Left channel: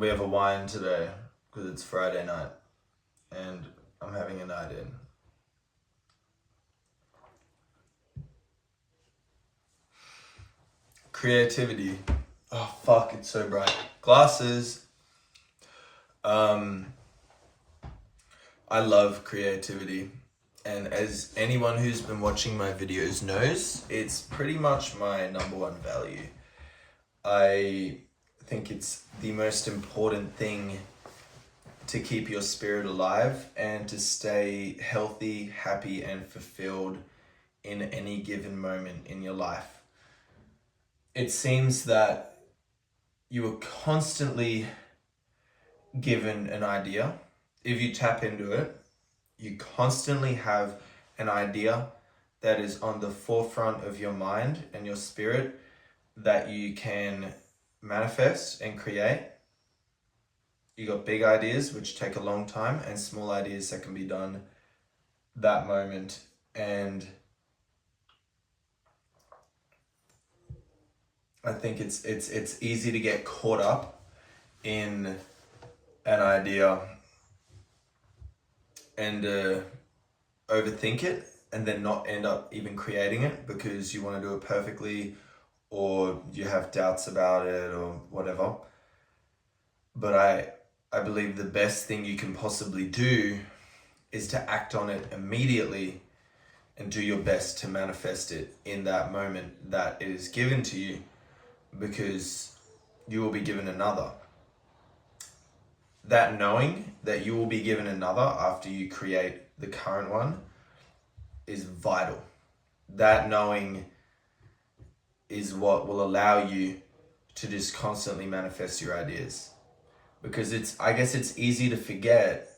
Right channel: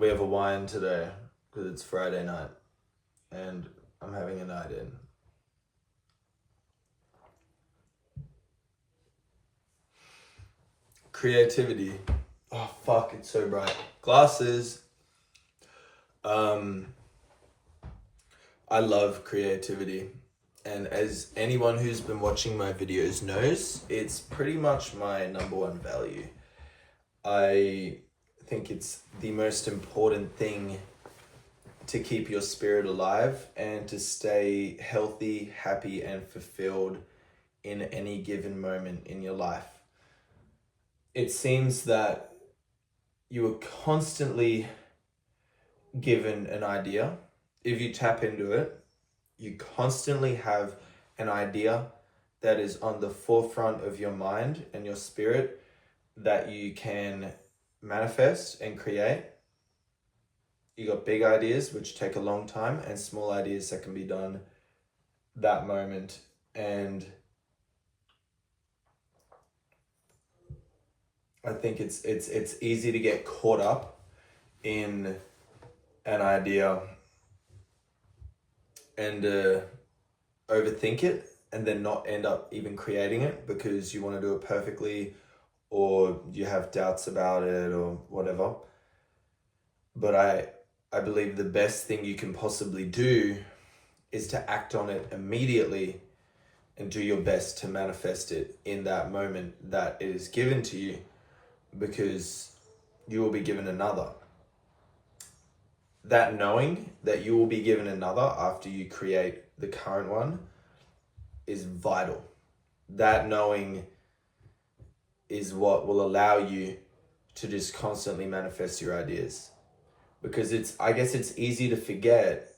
We have a wine today because it's Friday night and I'm having a night in. Creativity. Oh fuck, it's so bright. Glasses. I love creativity. And as anyone who's been watching my videos knows, it's pretty much my number one value. I think it's the most important thing to keep your spirit alive and to stay healthy, happy, and fulfilled in any given moment in your life. It seems that you are constantly given an idea. If you tap into it, you constantly have an idea that is on the forefront of your mind and your spirit that you can manifest and create. You got big ideas which take a long time and small ideas that can be done that moment. And I think it's easy to get caught up in an idea and overthink it and then not end up even creating it because you want to do it perfectly or you have doubts about it or whatever. But I believe the best thing you can possibly do is to act on it immediately and do your best to manifest it in that moment that it is given to you, because you will be given another. That knowing that you will be given another after you create the current one is vital. That knowing is what will allow you to just constantly manifest your ideas. Because I guess it's easy to forget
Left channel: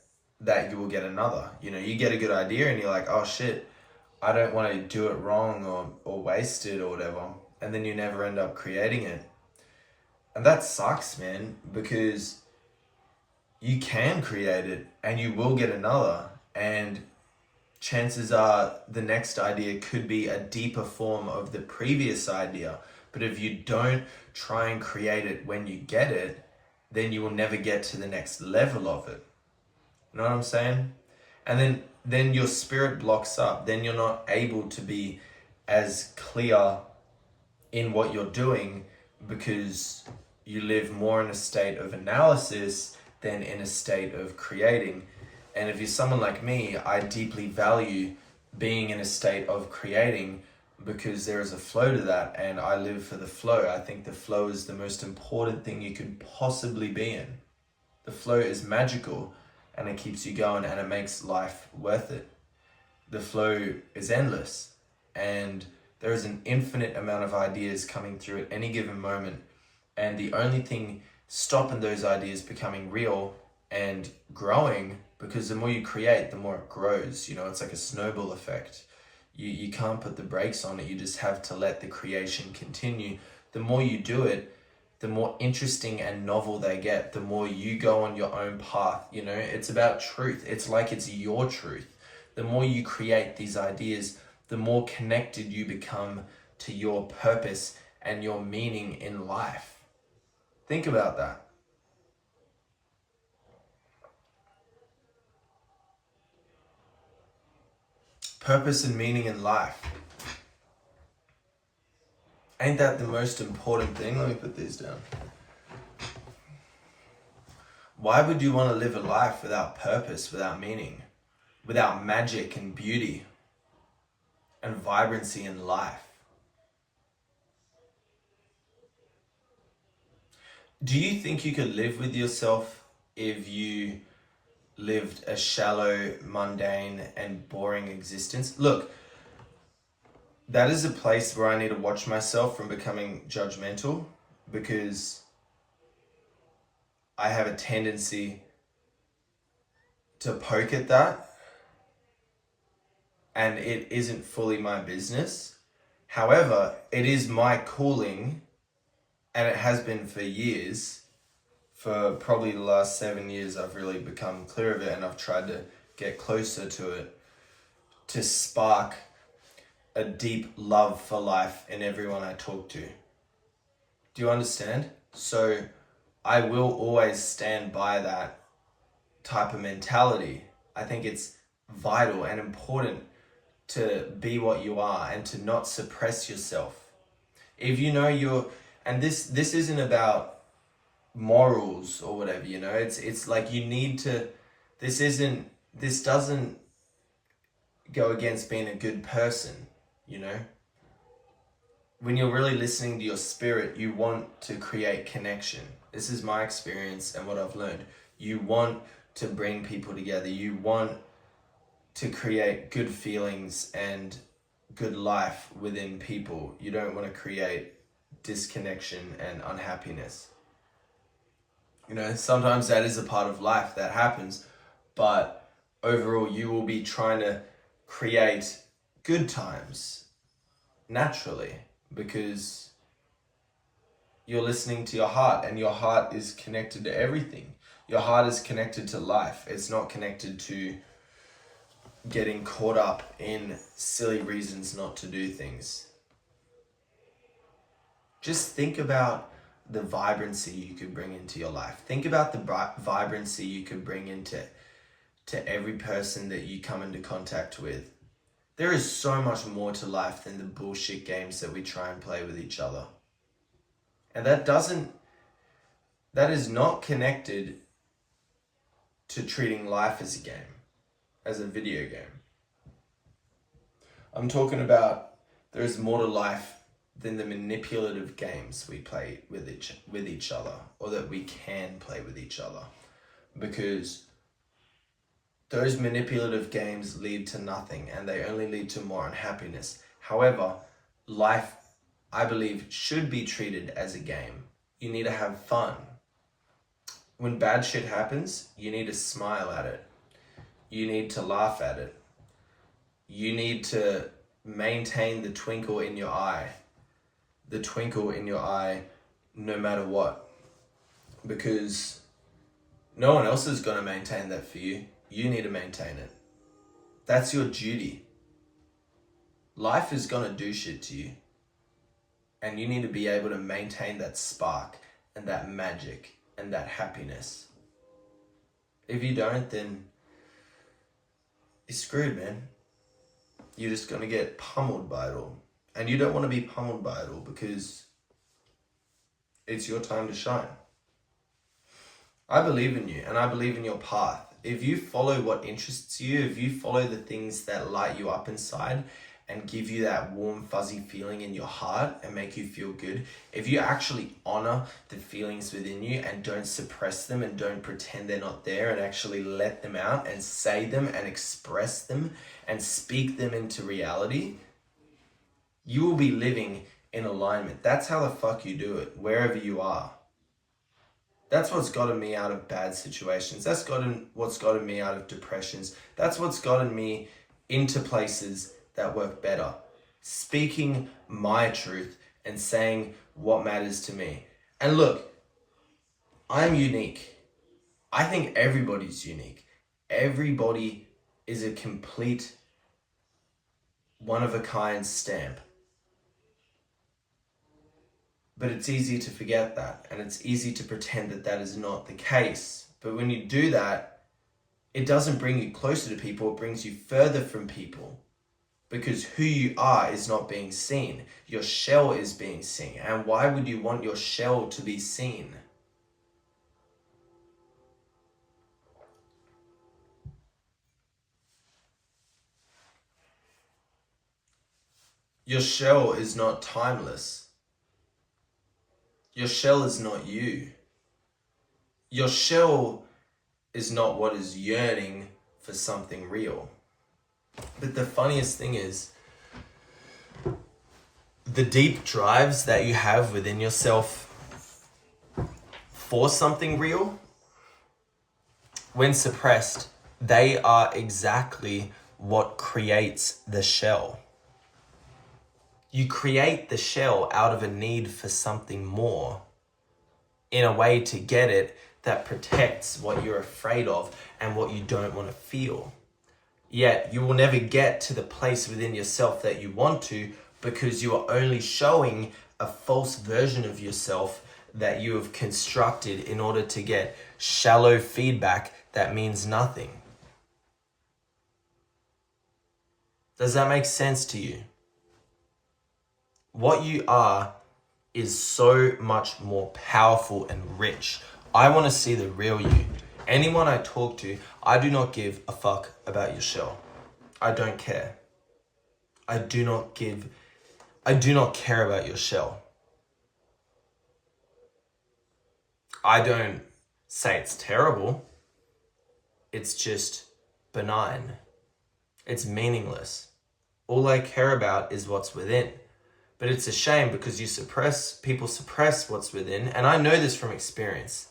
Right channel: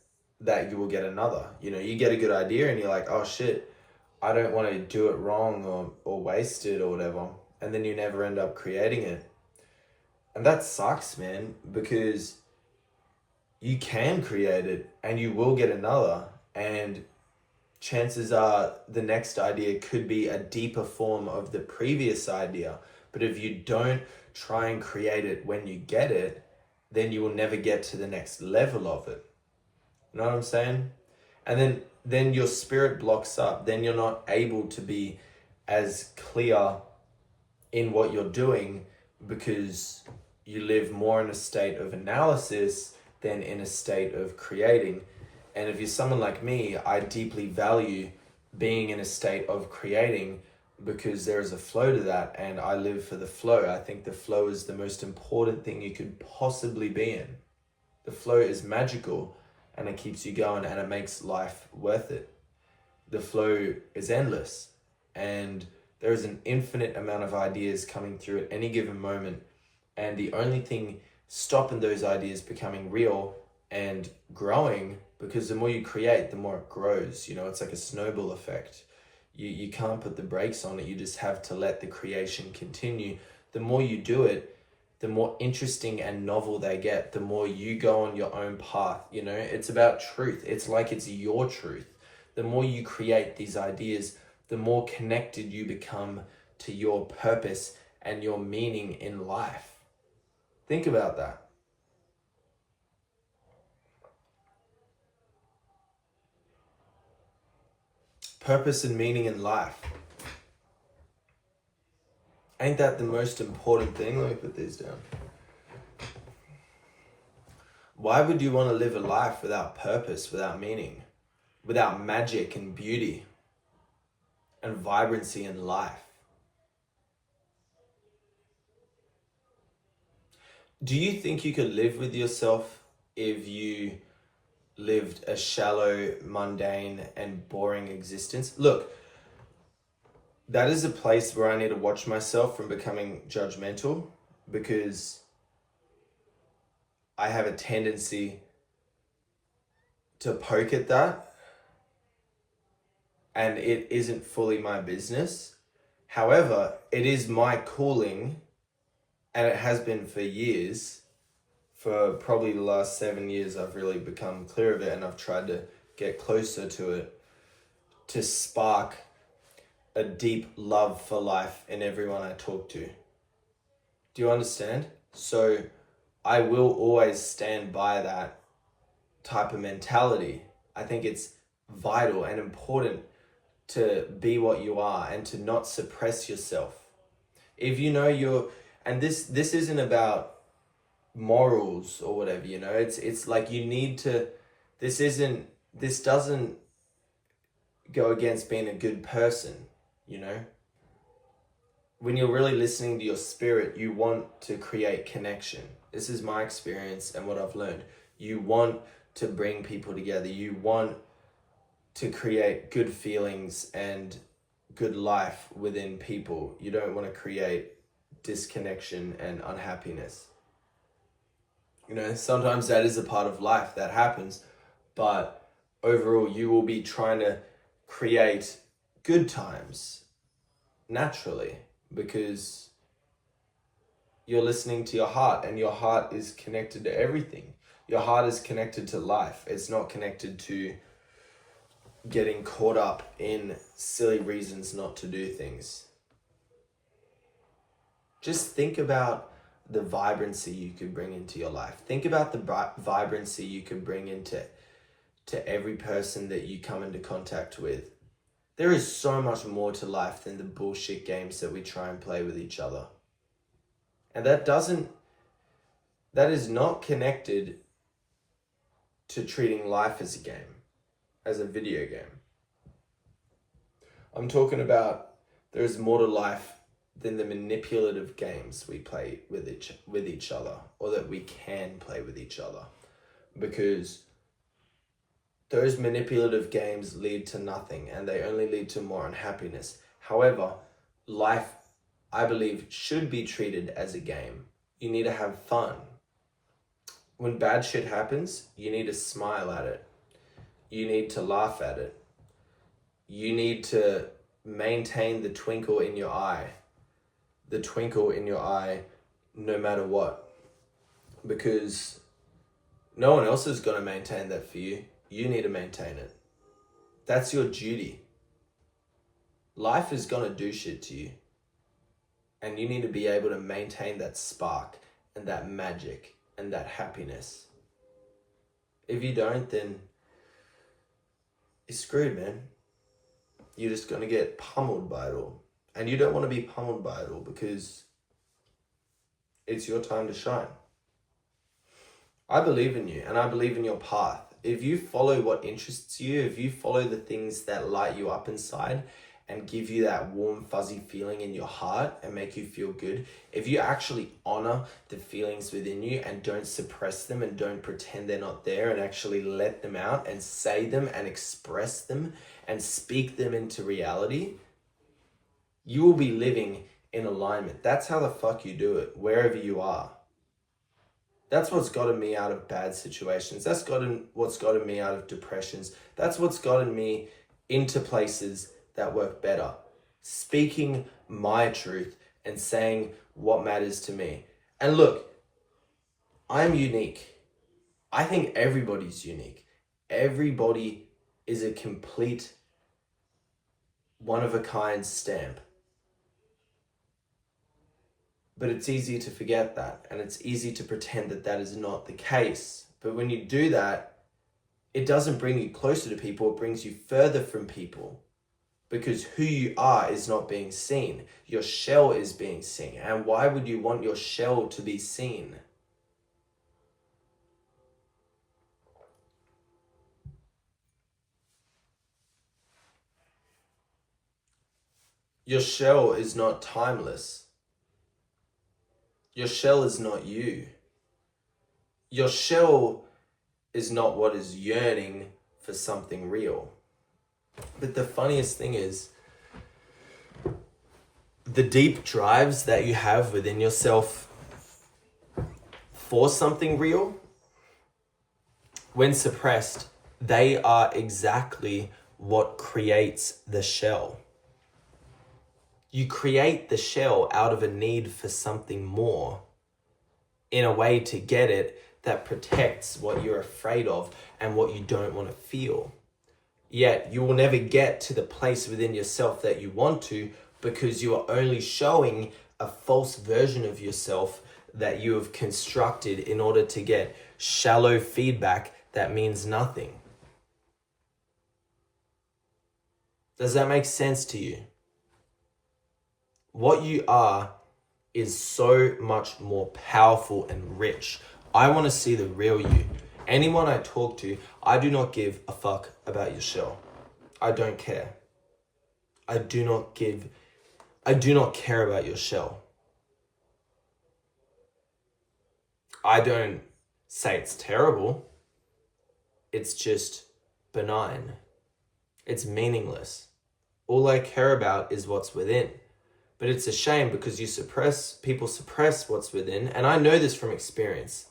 that you will get another. You know, you get a good idea and you're like, oh shit, I don't want to do it wrong or waste it or whatever. And then you never end up creating it. And that sucks, man, because you can create it and you will get another. And chances are the next idea could be a deeper form of the previous idea. But if you don't try and create it when you get it, then you will never get to the next level of it. You know what I'm saying? And then your spirit blocks up. Then you're not able to be as clear in what you're doing because you live more in a state of analysis than in a state of creating. And if you're someone like me, I deeply value being in a state of creating because there is a flow to that and I live for the flow. I think the flow is the most important thing you could possibly be in. The flow is magical and it keeps you going and it makes life worth it. The flow is endless and there is an infinite amount of ideas coming through at any given moment. And the only thing stopping those ideas becoming real and growing, because the more you create, the more it grows. You know, it's like a snowball effect. You can't put the brakes on it. You just have to let the creation continue. The more you do it, the more interesting and novel they get. The more you go on your own path. You know, it's about truth. It's like it's your truth. The more you create these ideas, the more connected you become to your purpose and your meaning in life. Think about that. Purpose and meaning in life. Ain't that the most important thing? Let me put these down. Why would you want to live a life without purpose, without meaning, without magic and beauty and vibrancy in life? Do you think you could live with yourself if you lived a shallow, mundane, and boring existence? Look, that is a place where I need to watch myself from becoming judgmental, because I have a tendency to poke at that and it isn't fully my business. However, it is my calling and it has been for years. For probably the last 7 years, I've really become clear of it and I've tried to get closer to it, to spark a deep love for life in everyone I talk to. Do you understand? So I will always stand by that type of mentality. I think it's vital and important to be what you are and to not suppress yourself. If you know and this isn't about morals or whatever, it's like you need to, this doesn't go against being a good person, When you're really listening to your spirit, you want to create connection. This is my experience and what I've learned. You want to bring people together. You want to create good feelings and good life within people. You don't want to create disconnection and unhappiness. Sometimes that is a part of life that happens, but overall you will be trying to create good times naturally because you're listening to your heart, and your heart is connected to everything. Your heart is connected to life. It's not connected to getting caught up in silly reasons not to do things. Just think about the vibrancy you could bring into your life. Think about the vibrancy you could bring into every person that you come into contact with. There is so much more to life than the bullshit games that we try and play with each other. And that is not connected to treating life as a game, as a video game. I'm talking about there is more to life than the manipulative games we play with each other, or that we can play with each other, because those manipulative games lead to nothing and they only lead to more unhappiness. However, life, I believe, should be treated as a game. You need to have fun. When bad shit happens, you need to smile at it. You need to laugh at it. You need to maintain the twinkle in your eye. The twinkle in your eye no matter what. Because no one else is going to maintain that for you. You need to maintain it. That's your duty. Life is going to do shit to you. And you need to be able to maintain that spark and that magic and that happiness. If you don't, then you're screwed, man. You're just going to get pummeled by it all. And you don't want to be pummeled by it all, because it's your time to shine. I believe in you, and I believe in your path. If you follow what interests you, if you follow the things that light you up inside and give you that warm, fuzzy feeling in your heart and make you feel good, if you actually honor the feelings within you and don't suppress them and don't pretend they're not there, and actually let them out and say them and express them and speak them into reality, you will be living in alignment. That's how the fuck you do it, wherever you are. That's what's gotten me out of bad situations. That's what's gotten me out of depressions. That's what's gotten me into places that work better. Speaking my truth and saying what matters to me. And look, I'm unique. I think everybody's unique. Everybody is a complete one-of-a-kind stamp. But it's easy to forget that, and it's easy to pretend that that is not the case. But when you do that, it doesn't bring you closer to people, it brings you further from people. Because who you are is not being seen. Your shell is being seen. And why would you want your shell to be seen? Your shell is not timeless. Your shell is not you. Your shell is not what is yearning for something real. But the funniest thing is, the deep drives that you have within yourself for something real, when suppressed, they are exactly what creates the shell. You create the shell out of a need for something more, in a way to get it that protects what you're afraid of and what you don't want to feel. Yet you will never get to the place within yourself that you want to, because you are only showing a false version of yourself that you have constructed in order to get shallow feedback that means nothing. Does that make sense to you? What you are is so much more powerful and rich. I want to see the real you. Anyone I talk to, I do not give a fuck about your shell. I don't care. I do not care about your shell. I don't say it's terrible. It's just benign. It's meaningless. All I care about is what's within. But it's a shame because people suppress what's within. And I know this from experience.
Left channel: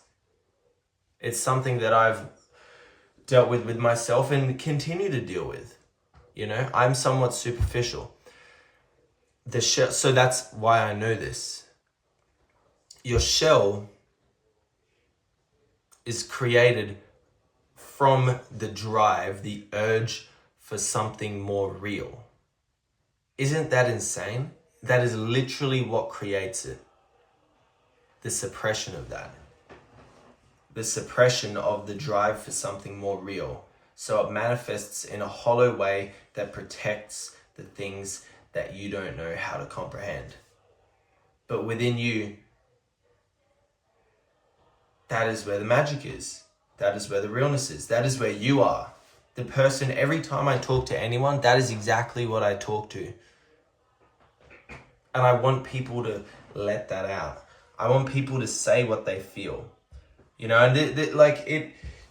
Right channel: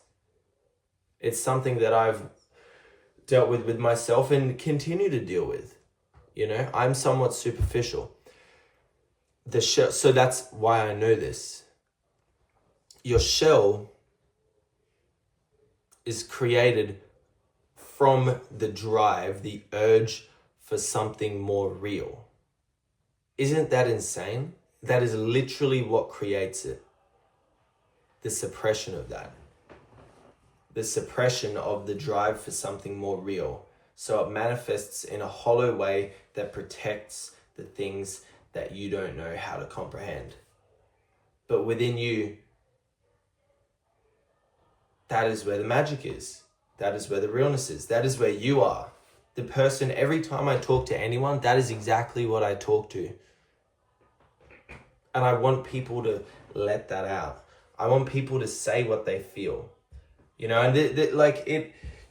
It's something that I've dealt with myself and continue to deal with. You know, I'm somewhat superficial. So that's why I know this. Your shell is created from the drive, the urge for something more real. Isn't that insane? That is literally what creates it. The suppression of that. The suppression of the drive for something more real. So it manifests in a hollow way that protects the things that you don't know how to comprehend. But within you, that is where the magic is. That is where the realness is. That is where you are. The person, every time I talk to anyone, that is exactly what I talk to. And I want people to let that out. I want people to say what they feel. You know, and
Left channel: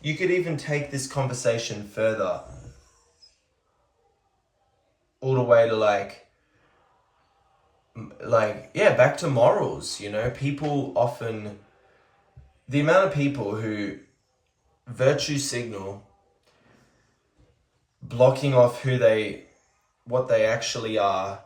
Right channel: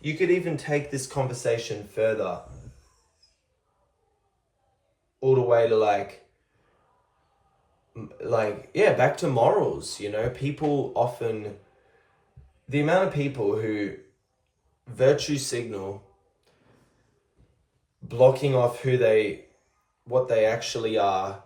you could even take this conversation further. All the way to back to morals, you know. People often, the amount of people who virtue signal, blocking off what they actually are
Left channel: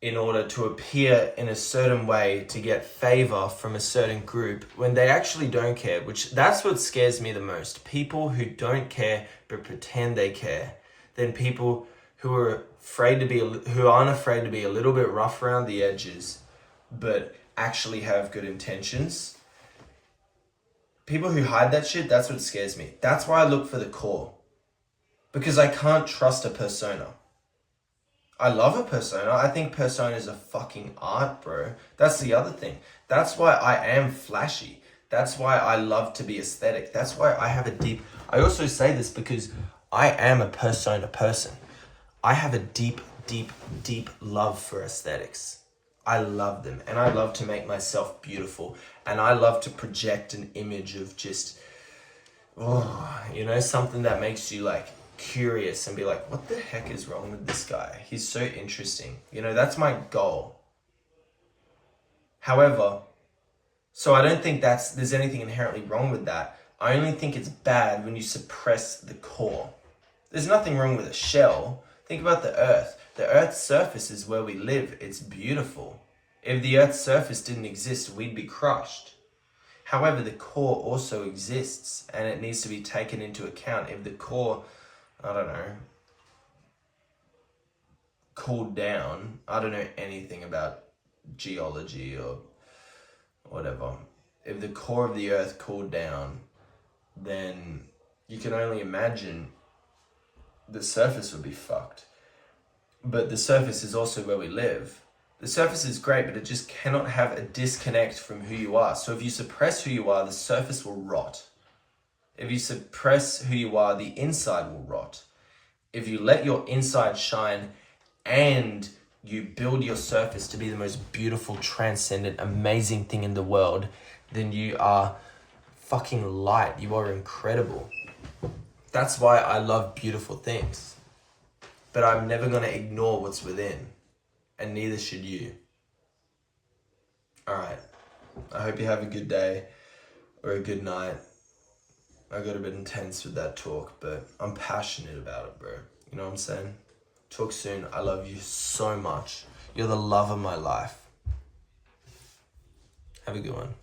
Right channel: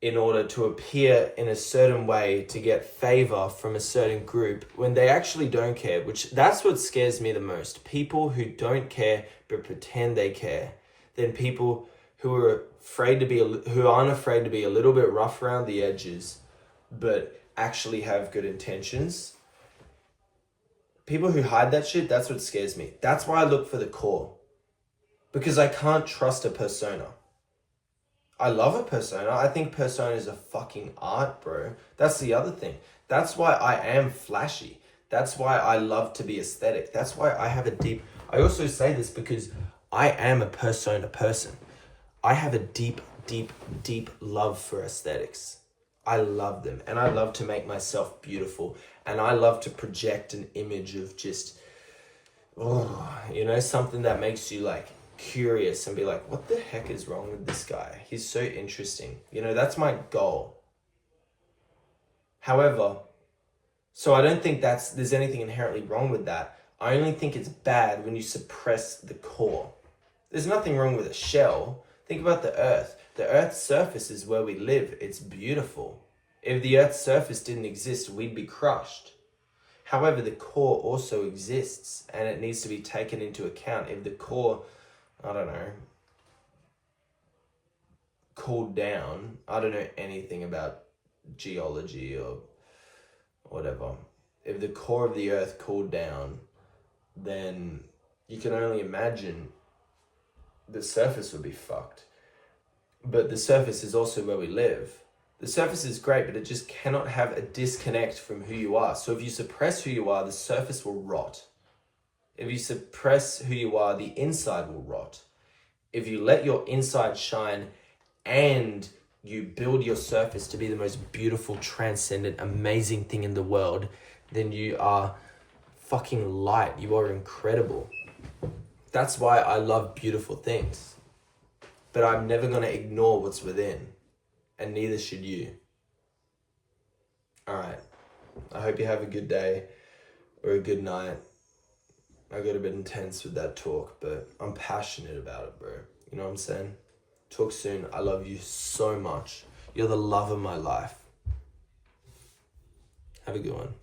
in order to appear in a certain way to get favor from a certain group when they actually don't care, that's what scares me the most. People who don't care but pretend they care. Then people who aren't afraid to be a little bit rough around the edges but actually have good intentions. People who hide that shit, that's what scares me. That's why I look for the core. Because I can't trust a persona. I love a persona. I think persona is a fucking art, bro. That's the other thing. That's why I am flashy. That's why I love to be aesthetic. That's why I also say this because I am a persona person. I have a deep, deep, deep love for aesthetics. I love them. And I love to make myself beautiful. And I love to project an image of just, something that makes you curious and be like, what the heck is wrong with this guy? He's so interesting. That's my goal. However, so I don't think there's anything inherently wrong with that. I only think it's bad when you suppress the core. There's nothing wrong with a shell. Think about the earth. The earth's surface is where we live. It's beautiful. If the earth's surface didn't exist, we'd be crushed. However, the core also exists and it needs to be taken into account. If the core, cooled down, I don't know anything about geology or whatever. If the core of the earth cooled down, then you can only imagine the surface would be fucked. But the surface is also where we live. The surface is great, but it just cannot have a disconnect from who you are. So if you suppress who you are, the surface will rot. If you suppress who you are, the inside will rot. If you let your inside shine and you build your surface to be the most beautiful, transcendent, amazing thing in the world, then you are fucking light. You are incredible. That's why I love beautiful things. But I'm never going to ignore what's within. And neither should you. Alright. I hope you have a good day or a good night. I got a bit intense with that talk, but I'm passionate about it, bro. You know what I'm saying? Talk soon. I love you so much. You're the love of my life. Have a good one.